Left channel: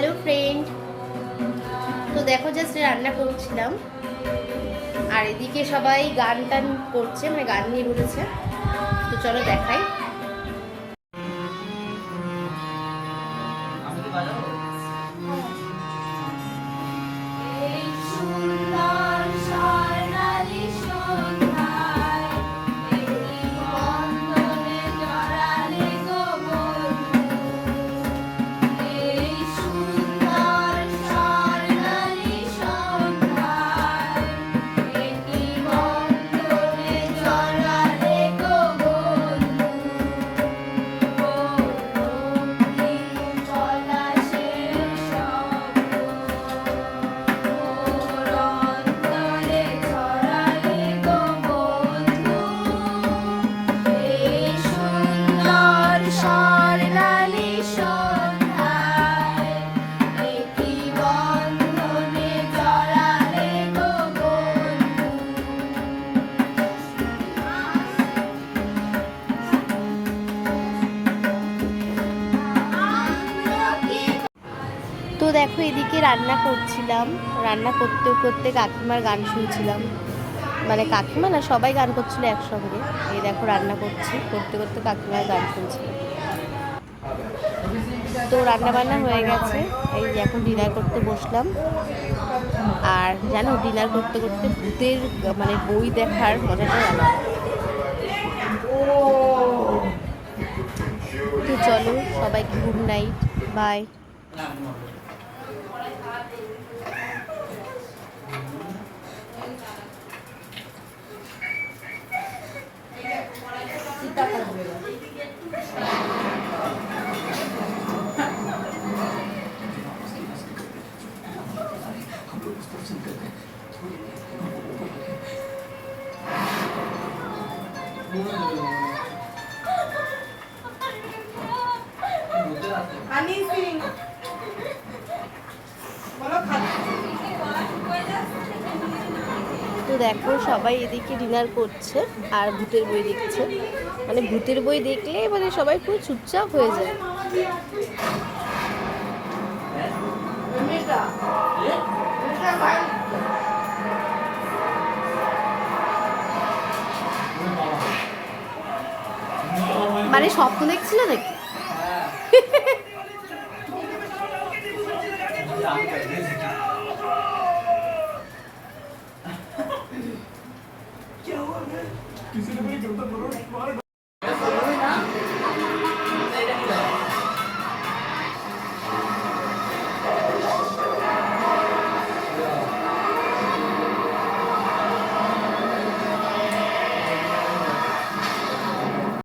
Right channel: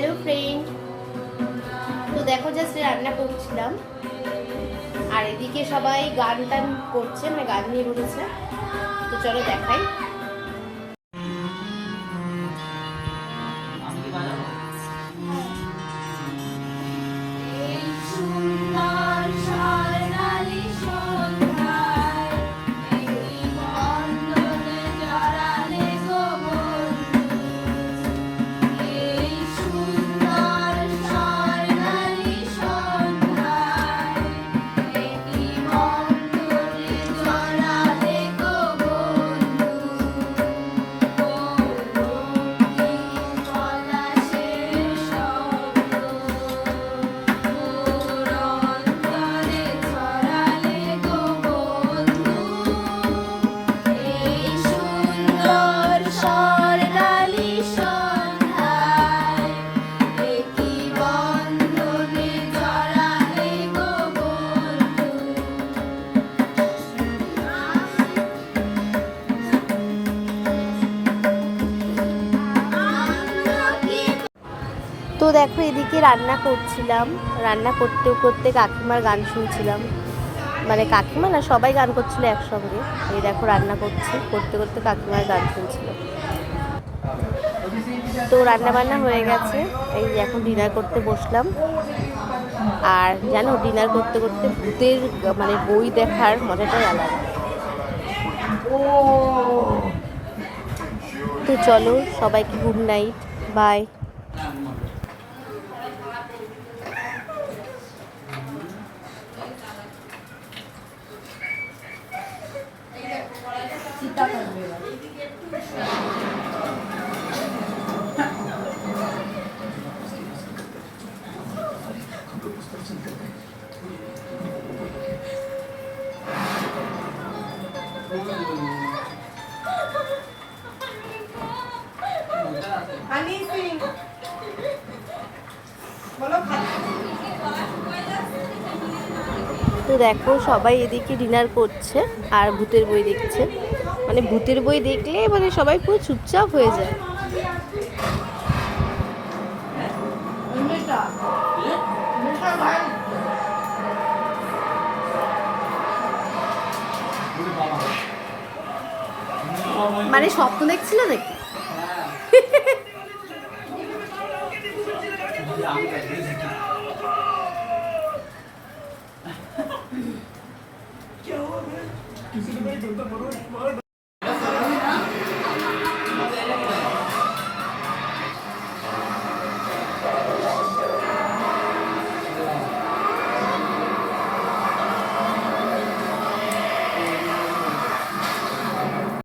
Hello friend, তো দেখো just রান্না করছিলাম আর এদিকে সবাই গান টান করছে, মানে গান নিয়ে বসেছে। তো চলো দেখাই। তো দেখো এদিকে রান্না করছিলাম, রান্না করতে করতে কাকিমার গান শুনছিলাম, মানে কাকিমা না সবাই গান করছিল একসঙ্গে। এই দেখো রান্না করছি, করতে করতে কাকিমার গান শুনছিলাম। তো রান্না বান্না হয়ে গেছে, এই এখন ডিনার করতে বসলাম। আর জানো, ডিনার করতে করতে ভূতের মানে বই দেখার মজাটাই আলাদা। তো চলো সবাইকে গুড নাইট, বাই। তো দেখো সবাই এদিকে ডিনার করছে আর ভূতের বই দেখছে। মানে ভূতের বই দেখলে মানে সবাই পুরো চুপচাপ হয়ে যায়। মানে স্বপ্ন দেখছিল নাকি? क्या हुआ? किसी ने मेरे जूता